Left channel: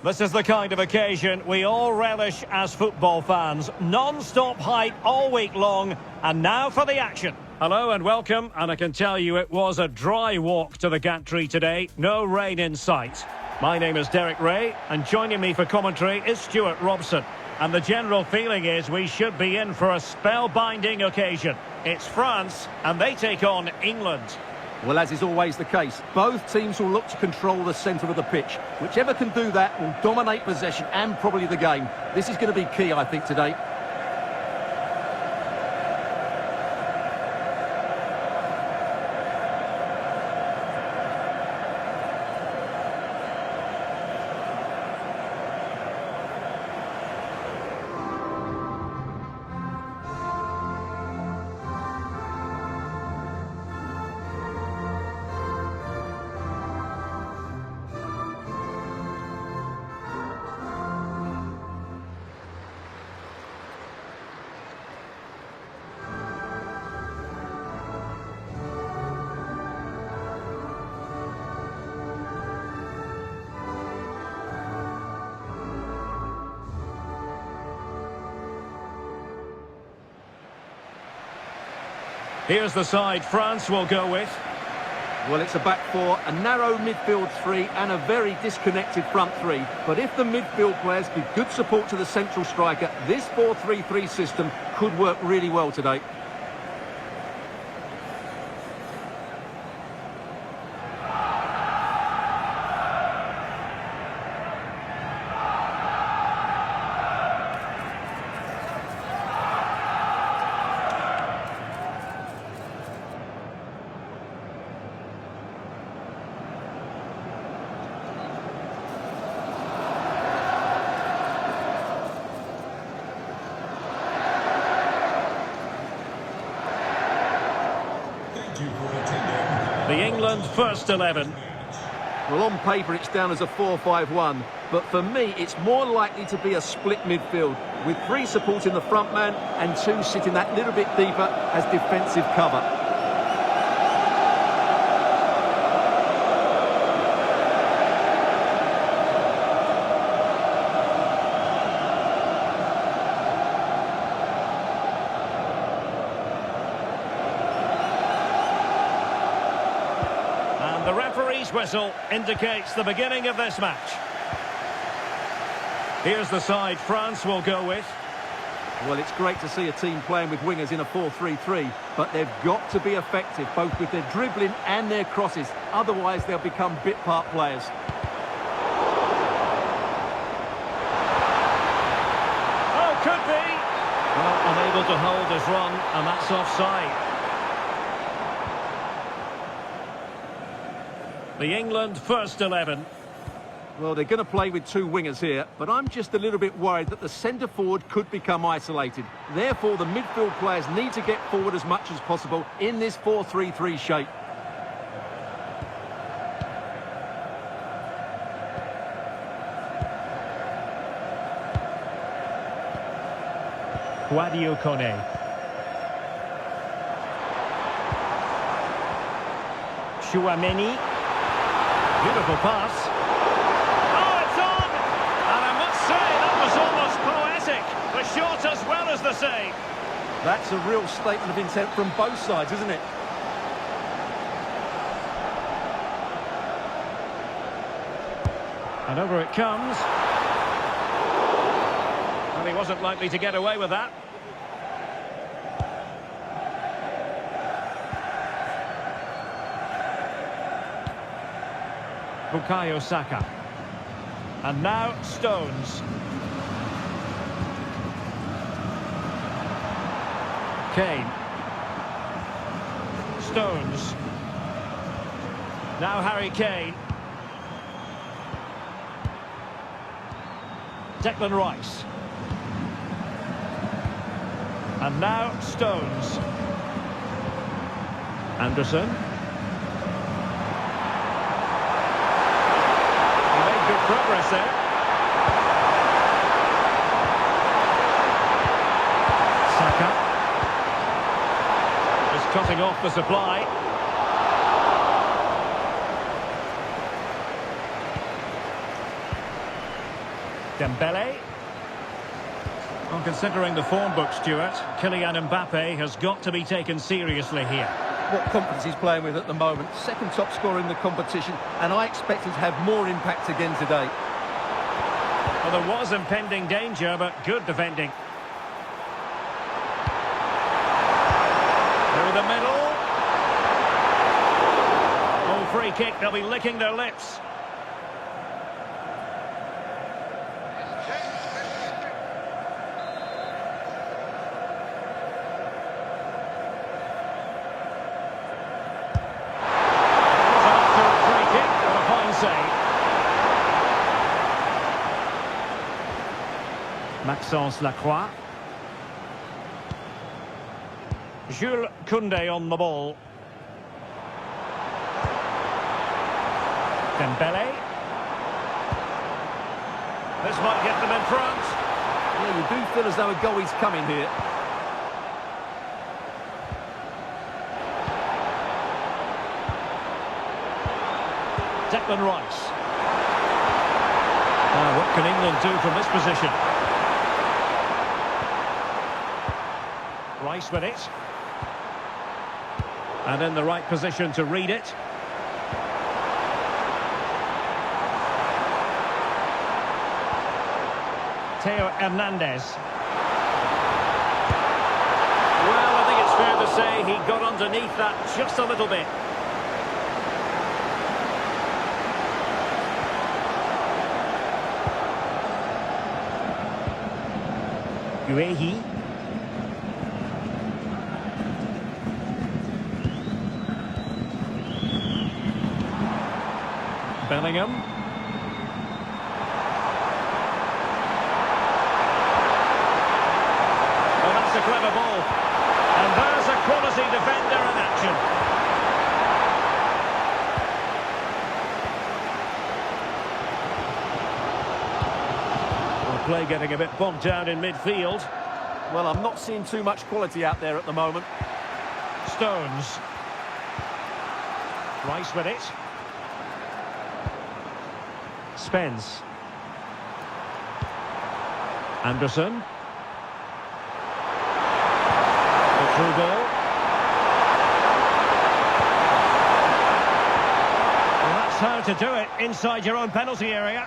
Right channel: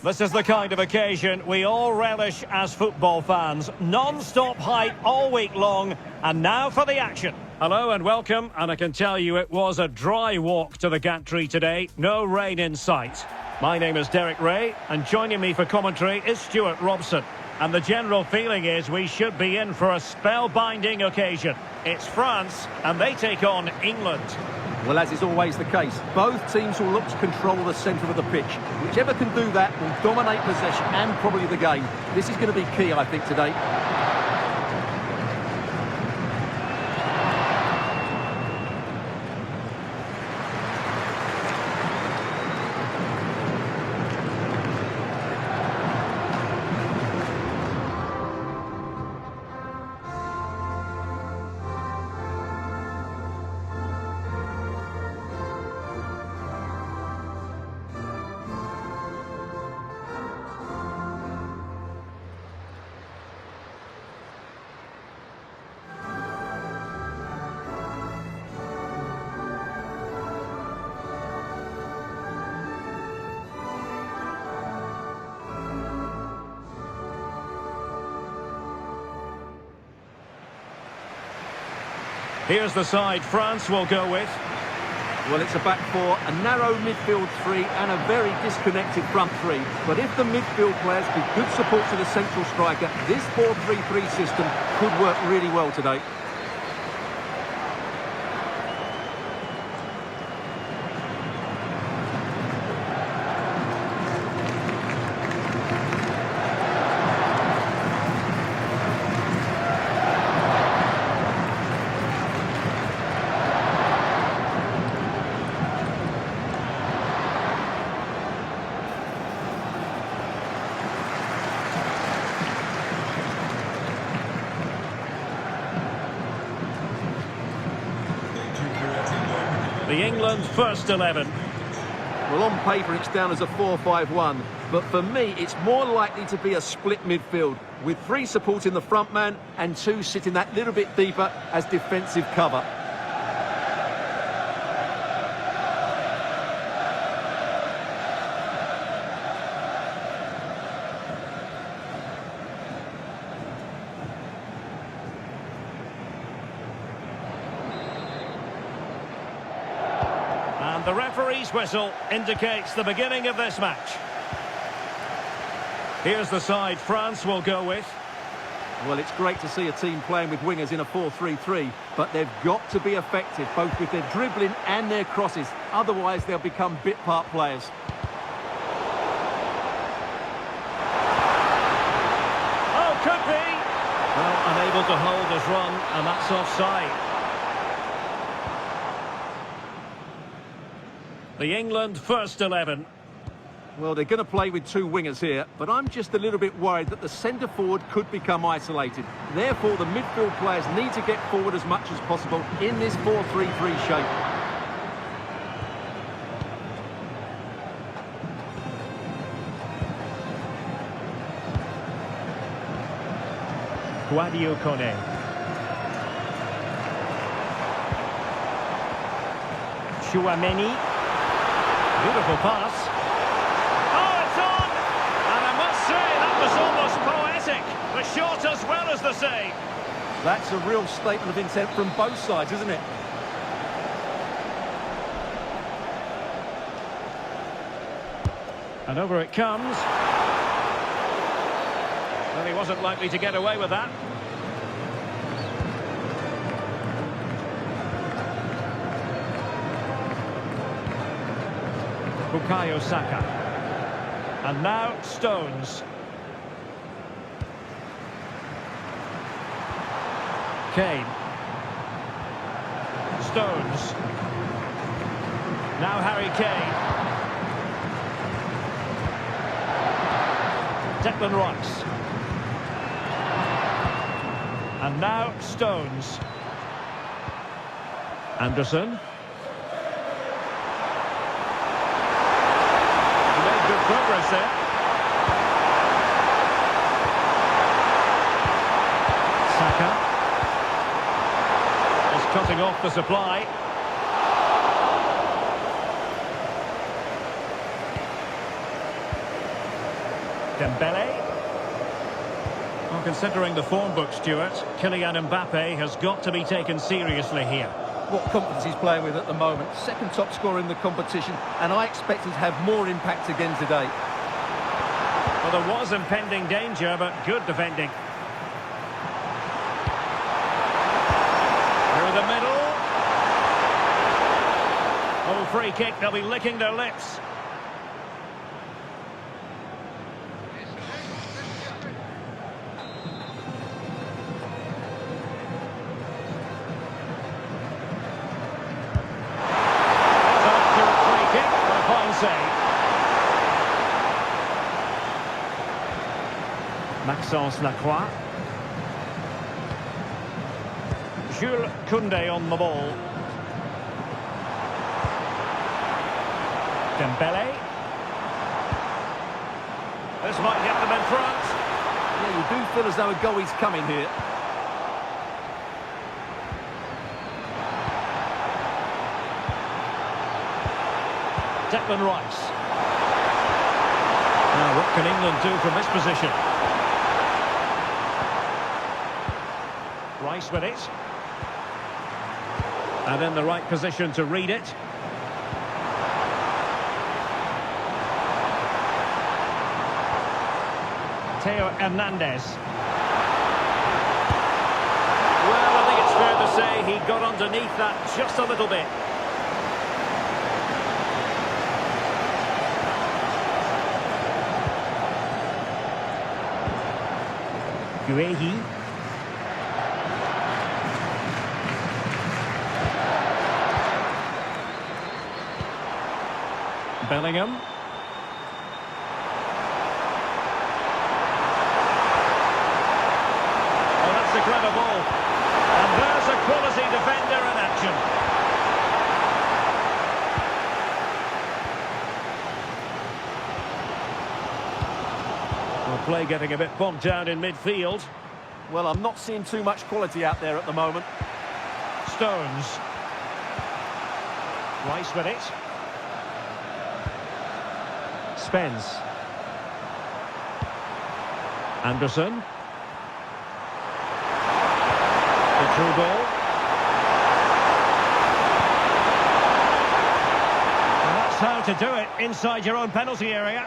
This is the kind of occasion we all relish as football fans. Non-stop hype all week long, and now for the action. Hello and welcome, and I can tell you it was a dry walk to the gantry today. No rain in sight. My name is Derek Ray, and joining me for commentary is Stuart Robson. And the general feeling is we should be in for a spellbinding occasion. It's France, and they take on England. Well, as is always the case, both teams will look to control the centre of the pitch. Whichever can do that will dominate possession and probably the game. This is going to be key, I think, today. Here's the side France will go with. Well, it's a back four, a narrow midfield three and a very disconnected front three. But if the midfield players give good support to the central striker, this 4-3-3 system could work really well today. The England first 11. Well, on paper it's down as a 4-5-1, but for me it's more likely to be a split midfield, with three supporting the front man and two sitting that little bit deeper as defensive cover. And the referee's whistle indicates the beginning of this match. Here's the side France will go with. Well, it's great to see a team playing with wingers in a 4-3-3, but they've got to be effective, both with their dribbling and their crosses. Otherwise, they'll become bit-part players. Oh, could be! Well, unable to hold his run, and that's offside. The England first 11. Well, they're going to play with two wingers here, but I'm just a little bit worried that the centre-forward could become isolated. Therefore, the midfield players need to get forward as much as possible in this 4-3-3 shape. Guadio Kone. Chouameni. Beautiful pass. Oh, it's on! And I must say, that was almost poetic. The shot as well as the save. That's a real statement of intent from both sides, isn't it? And over it comes. Well, he wasn't likely to get away with that. Bukayo Saka. And now Stones. Kane. Stones. Now Harry Kane. Declan Rice. And now Stones. Anderson. Good progress there. SAKA is cutting off the supply. Dembele. Well, considering the form book, Stuart, Kylian Mbappe has got to be taken seriously here. What confidence he's playing with at the moment. Second top scorer in the competition, and I expect him to have more impact again today. Well, there was impending danger, but good defending. Through the middle. Oh, free kick, they'll be licking their lips. Save. Maxence Lacroix. Jules Koundé on the ball. Dembele. This might get them in front. Yeah, you do feel as though a goal is coming here. Declan Rice. Now, what can England do from this position? Rice with it. And in the right position to read it. Theo Hernandez. Well, I think it's fair to say he got underneath that just a little bit. Guehi. Bellingham. Oh, that's a clever ball. And there's a quality defender in action. Well, play getting a bit bogged down in midfield. Well, I'm not seeing too much quality out there at the moment. Stones. Rice with it. Spence. Anderson. The through ball. Well, that's how to do it inside your own penalty area.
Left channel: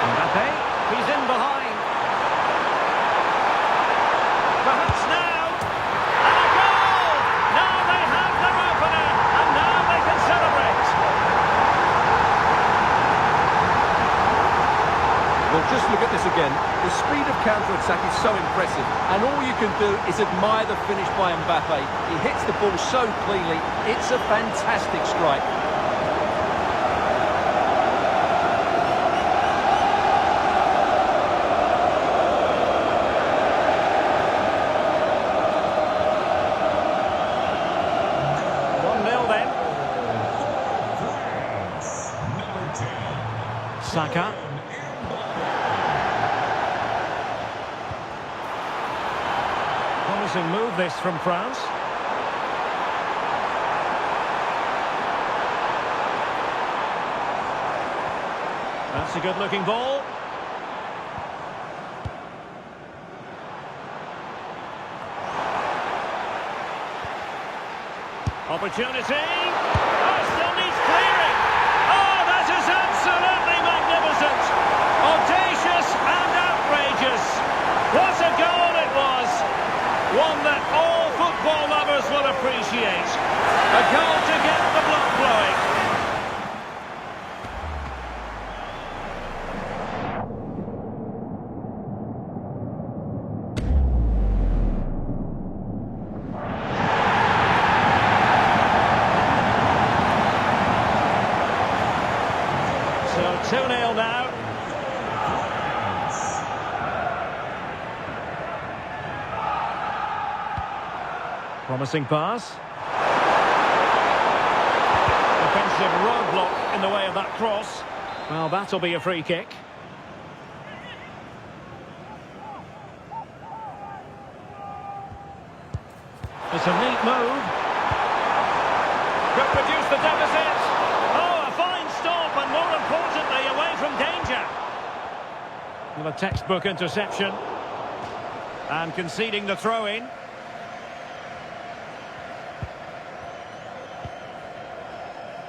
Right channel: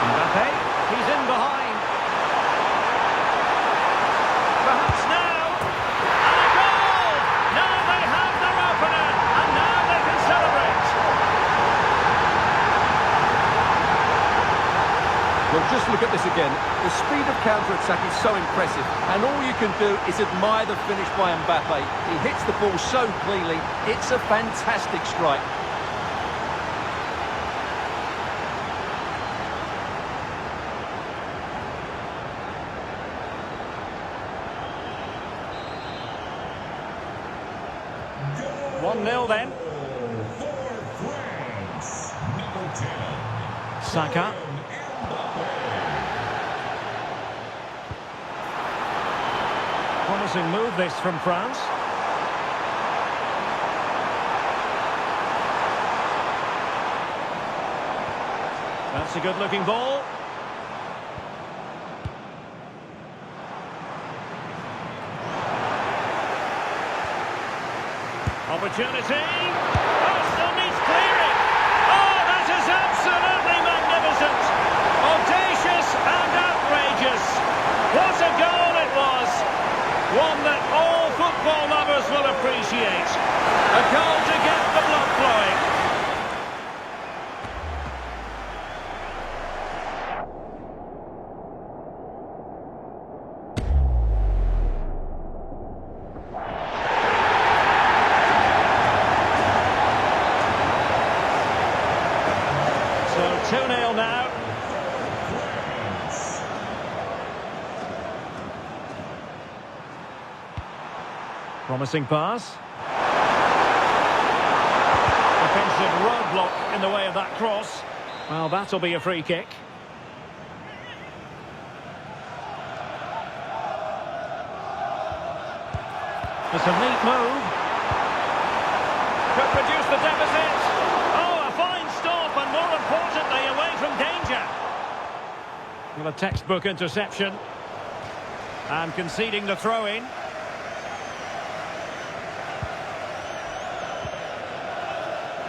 Mbappe, he's in behind. Perhaps now. And a goal! Now they have their opener, and now they can celebrate. Well, just look at this again. The speed of counter-attack is so impressive, and all you can do is admire the finish by Mbappe. He hits the ball so cleanly. It's a fantastic strike. Then. SAKA. Promising move this from France. That's a good-looking ball. Opportunity. Oh, still needs clearing. Oh, that is absolutely magnificent. Audacious and outrageous. What a goal it was. One that all football lovers will appreciate. A goal to get the blood flowing. So 2-0 now. Promising pass. Defensive roadblock in the way of that cross. Well, that'll be a free kick. It's a neat move. Could produce the deficit. Oh, a fine Well, a textbook interception. And conceding the throw-in.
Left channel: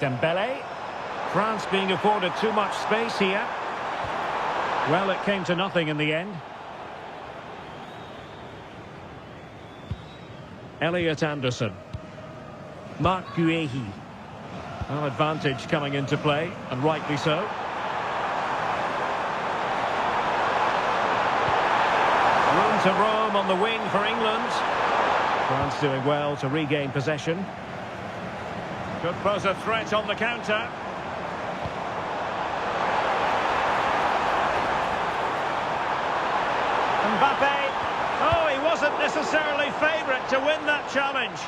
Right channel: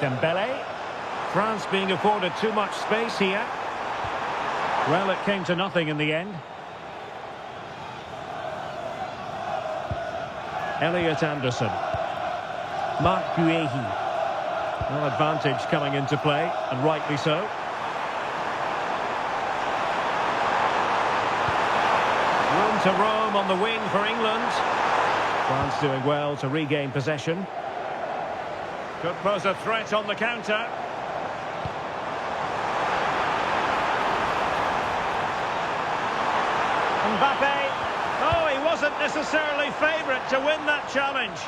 Dembele. France being afforded too much space here. Well, it came to nothing in the end. Elliot Anderson. Marc Guehi. Well, advantage coming into play, and rightly so. Room to roam on the wing for England. France doing well to regain possession. Could pose a threat on the counter. Mbappe. Oh, he wasn't necessarily favourite to win that challenge.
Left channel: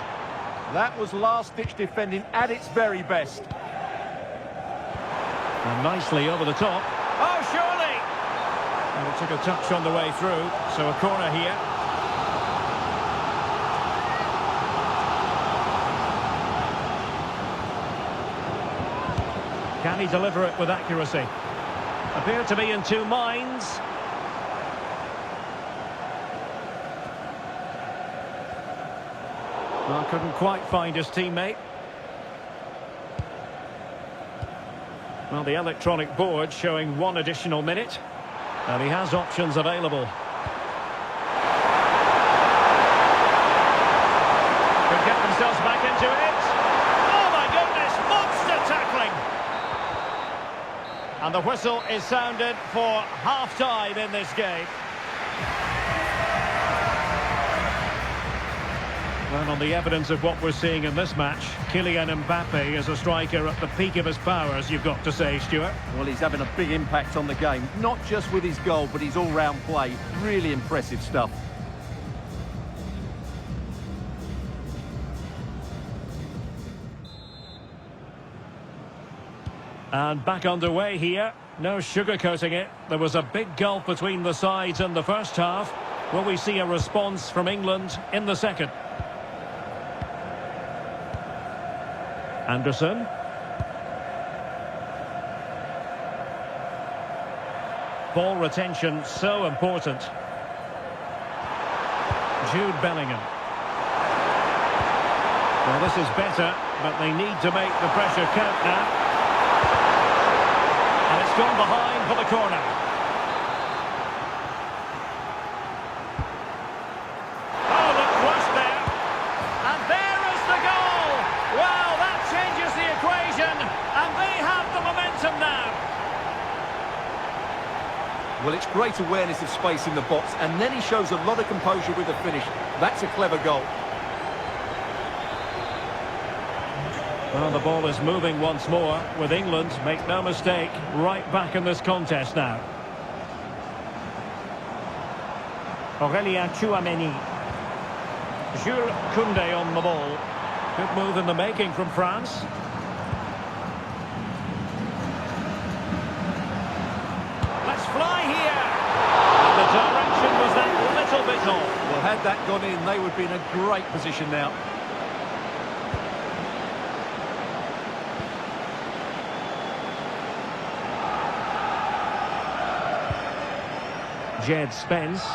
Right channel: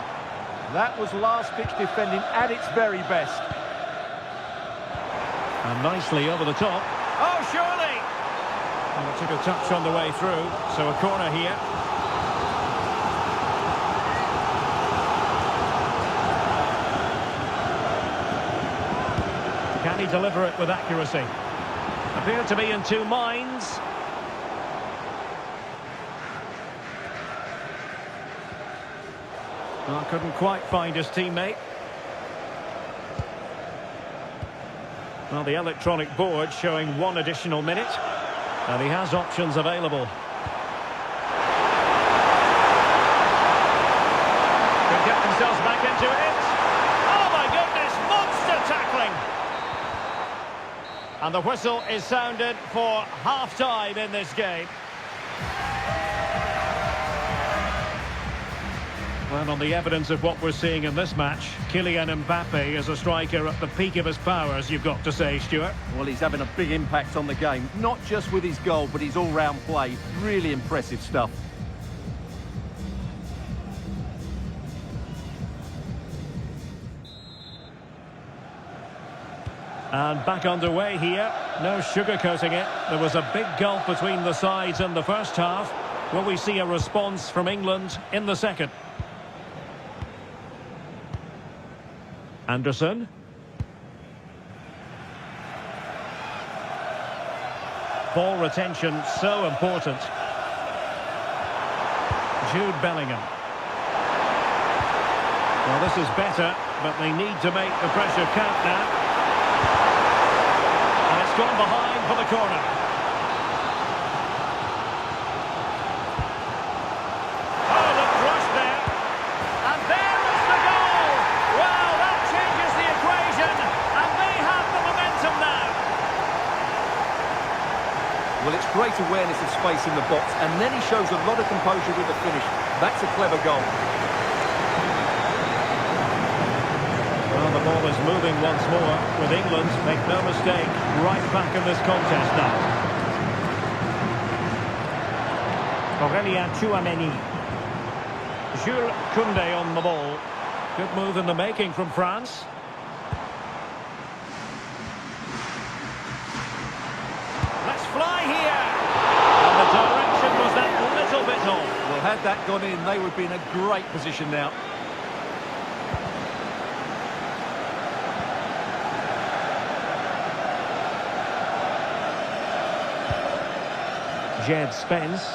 That was last-ditch defending at its very best. And nicely over the top. Oh, surely! And it took a touch on the way through, so a corner here. Can he deliver it with accuracy? Appear to be in two minds. Well, couldn't quite find his teammate. Well, the electronic board showing one additional minute. And he has options available. Could get themselves back into it. Oh my goodness, monster tackling! And the whistle is sounded for half-time in this game. Well, on the evidence of what we're seeing in this match, Kylian Mbappe is a striker at the peak of his powers, you've got to say, Stuart. Well, he's having a big impact on the game, not just with his goal, but his all-round play. Really impressive stuff. And back underway here. No sugarcoating it. There was a big gulf between the sides in the first half. Will we see a response from England in the second? Anderson. Ball retention so important. Jude Bellingham. Well, this is better, but they need to make the pressure count now. And it's gone behind for the corner. Oh, look, rushed there. And there is the goal. Well, that changes the equation, and they have the momentum now. Well, it's great awareness of space in the box, and then he shows a lot of composure with the finish. That's a clever goal. Well, the ball is moving once more with England, make no mistake, right back in this contest now. Aurélien Tchouameni. Jules Koundé on the ball. Good move in the making from France. Let's fly here. And the direction was that little bit off. Well, had that gone in, they would be in a great position now. Jed Spence.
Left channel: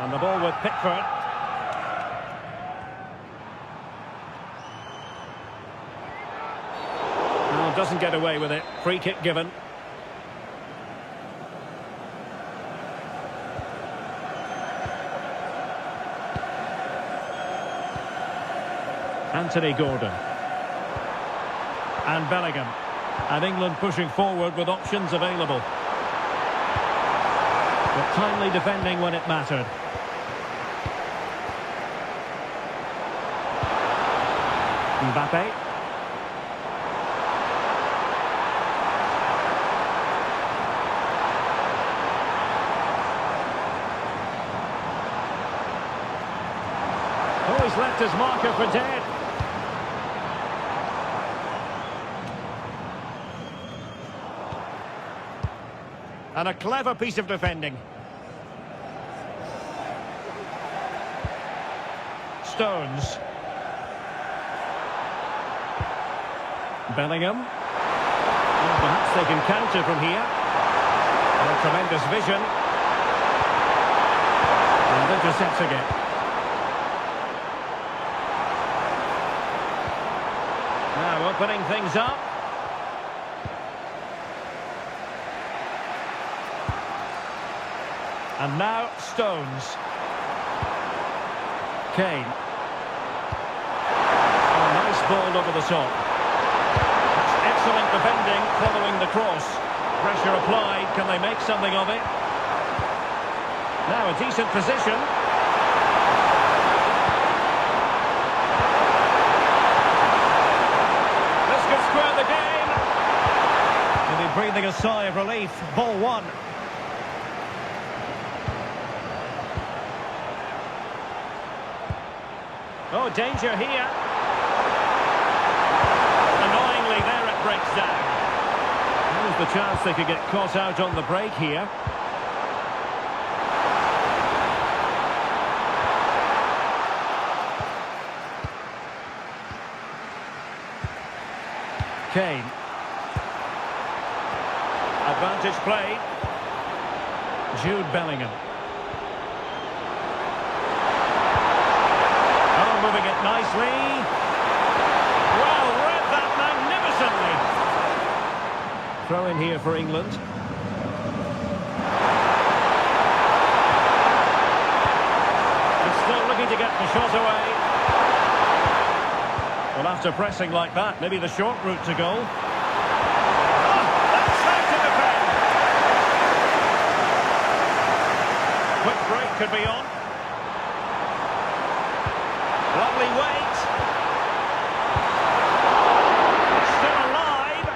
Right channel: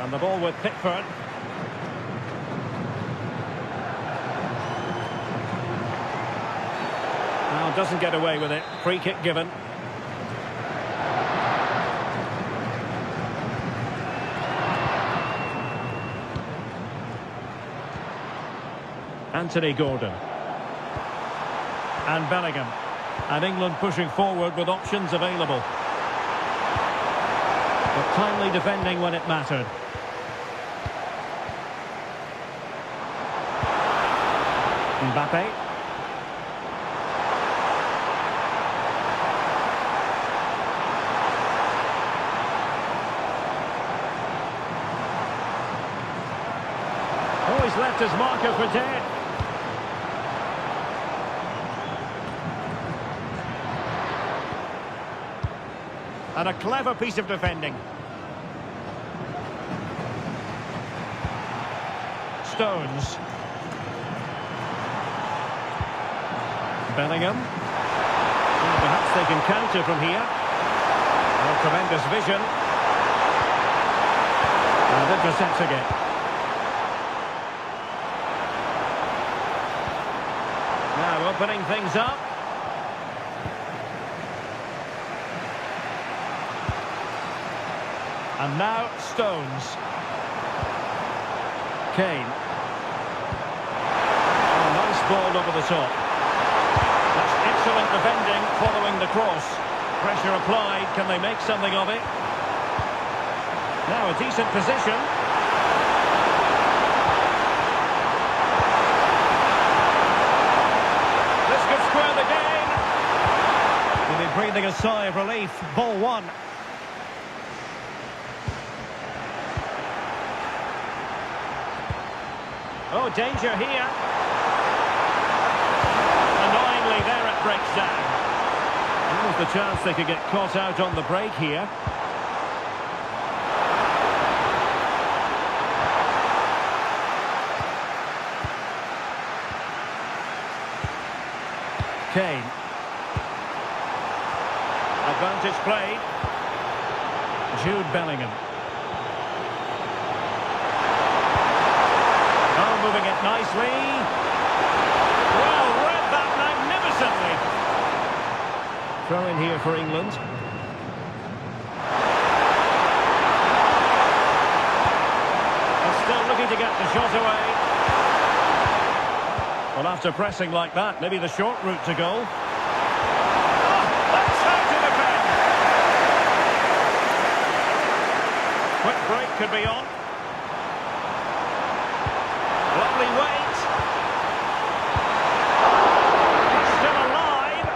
And the ball with Pickford. Now doesn't get away with it. Free kick given. Anthony Gordon. And Bellingham. And England pushing forward with options available. But timely defending when it mattered. Mbappe. Oh, he's left his marker for dead. And a clever piece of defending. Stones. Bellingham. Well, perhaps they can counter from here. Oh, tremendous vision. And intercepts again. Now opening things up. And now Stones. Kane. Oh, nice ball over the top. That's excellent defending following the cross. Pressure applied. Can they make something of it? Now a decent position. This could square the game. They'll be breathing a sigh of relief. Ball one. Oh, danger here. Annoyingly, there it breaks down. There was the chance they could get caught out on the break here. Kane. Advantage played. Jude Bellingham. Oh, moving it nicely. Well, read that magnificently. Throw in here for England. And still looking to get the shot away. Well, after pressing like that, maybe the short route to goal. Oh, that's how to defend. Quick break could be on. Lovely weight. He's still alive.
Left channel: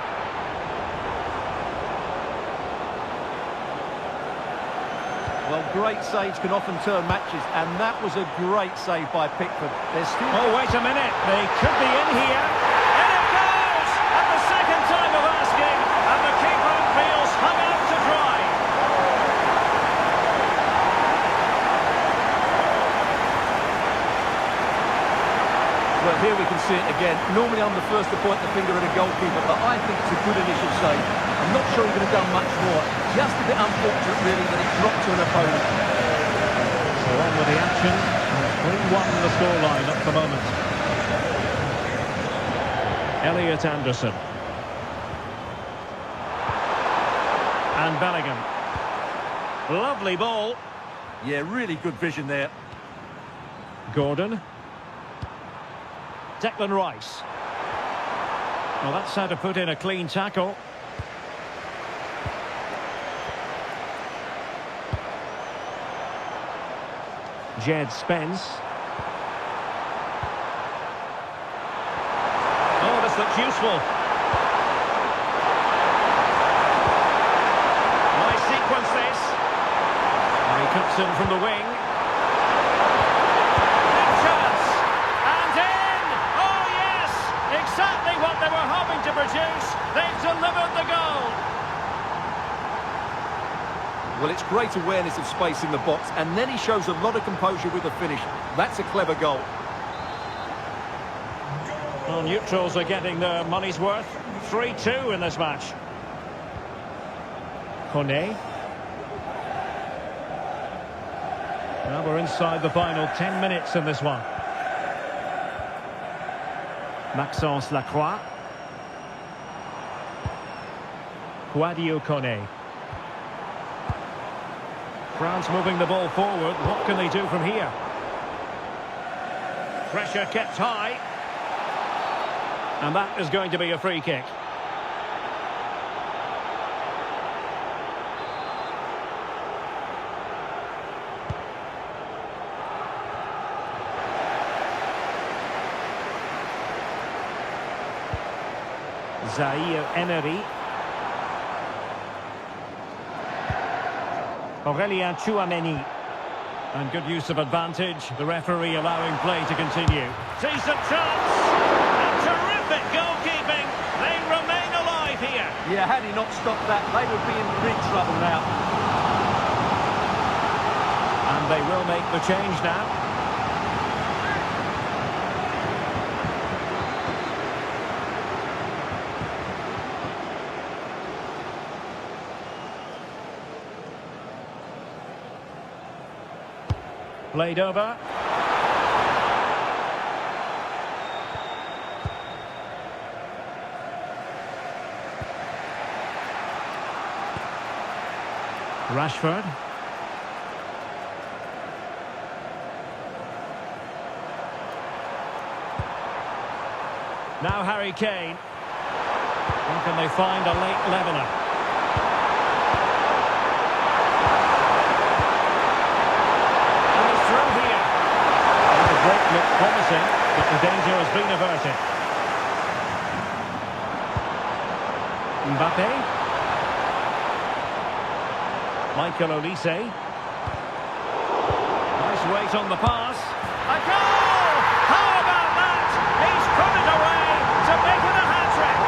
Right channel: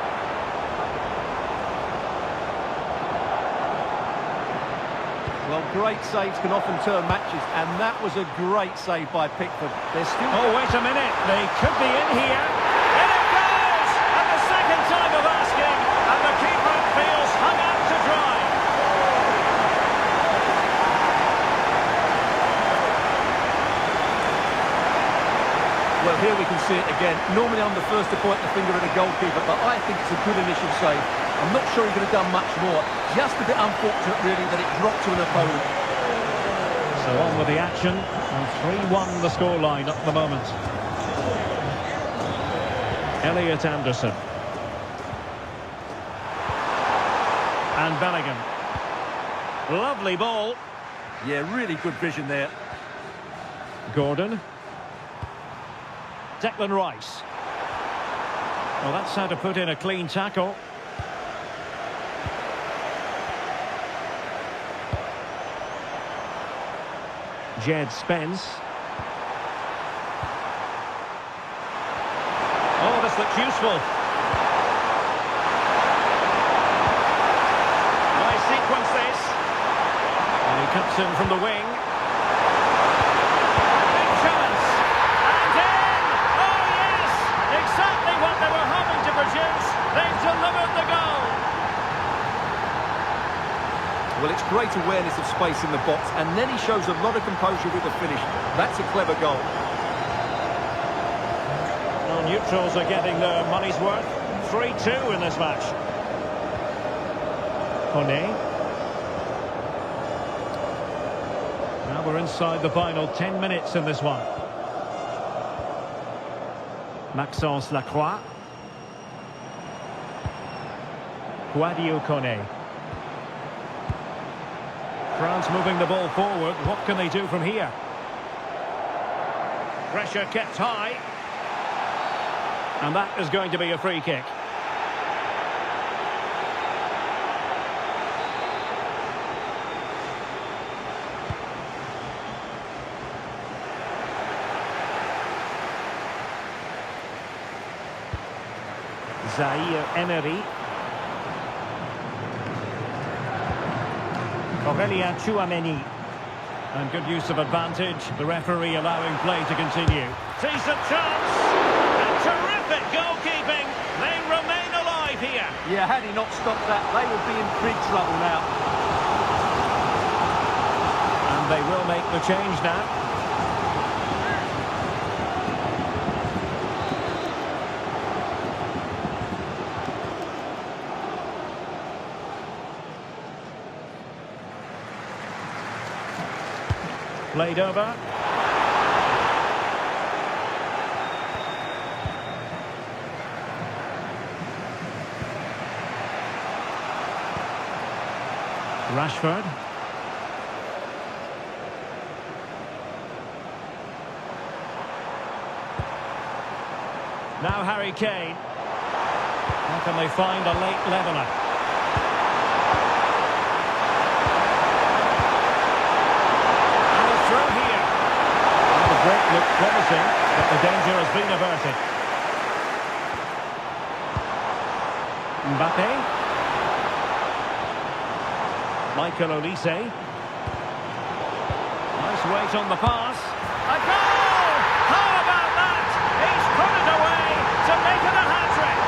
Well, great saves can often turn matches, and that was a great save by Pickford. There's still... Oh, wait a minute. They could be in here. In it goes! At the second time of asking, and the keeper feels hung out to dry. Well, here we can see it again. Normally I'm the first to point the finger at a goalkeeper, but I think it's a good initial save. I'm not sure he could have done much more. Just a bit unfortunate, really, that it dropped to an opponent. So on with the action. And 3-1 the scoreline at the moment. Elliot Anderson. And Bellingham. Lovely ball. Yeah, really good vision there. Gordon. Declan Rice. Well, that's how to put in a clean tackle. Jed Spence. Oh, this looks useful. Nice sequence this. And he cuts in from the wing. Big chance. And in! Oh, yes! Exactly what they were hoping to produce. They've delivered the goal. Well, it's great awareness of space in the box, and then he shows a lot of composure with the finish. That's a clever goal. Well, neutrals are getting their money's worth. 3-2 in this match. Kone. Now we're inside the final 10 minutes in this one. Maxence Lacroix. Guadio Kone. France moving the ball forward. What can they do from here? Pressure kept high. And that is going to be a free kick. Zaire Emery. Aurélien Tchouameni. And good use of advantage. The referee allowing play to continue. Decent chance. And terrific goalkeeping. They remain alive here. Yeah, had he not stopped that, they would be in big trouble now. And they will make the change now. Played over. Rashford. Now Harry Kane. How can they find a late leveller? And he's through here. And the break looked promising, but the danger has been averted. Mbappe. Michael Olise. Nice weight on the pass. A goal! How about that? He's put it away to make it a hat-trick.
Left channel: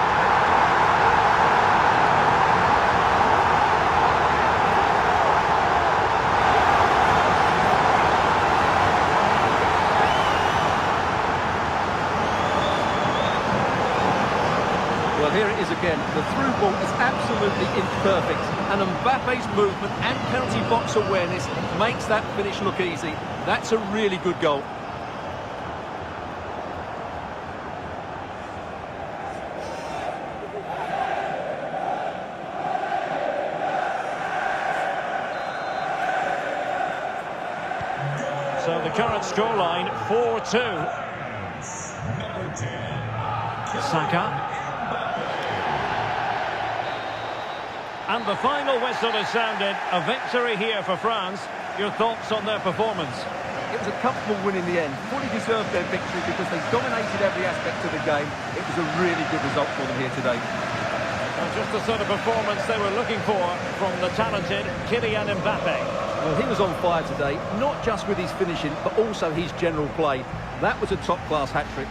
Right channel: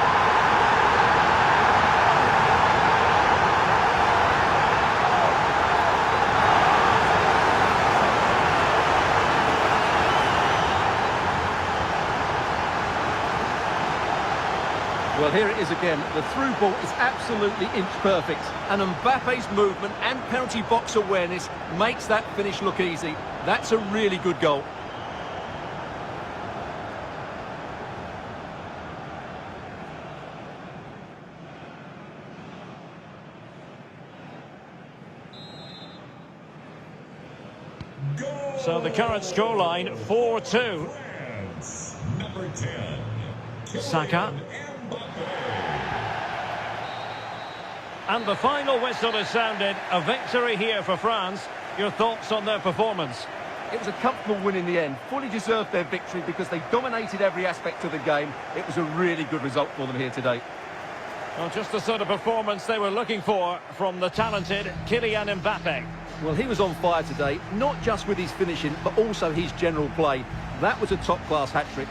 Well, here it is again. The through ball is absolutely inch perfect. And Mbappe's movement and penalty box awareness makes that finish look easy. That's a really good goal. So the current scoreline, 4-2. Number 10, SAKA. And the final whistle has sounded. A victory here for France. Your thoughts on their performance? It was a comfortable win in the end. Fully deserved their victory because they dominated every aspect of the game. It was a really good result for them here today. Well, just the sort of performance they were looking for from the talented Kylian Mbappe. Well, he was on fire today, not just with his finishing, but also his general play. That was a top-class hat-trick.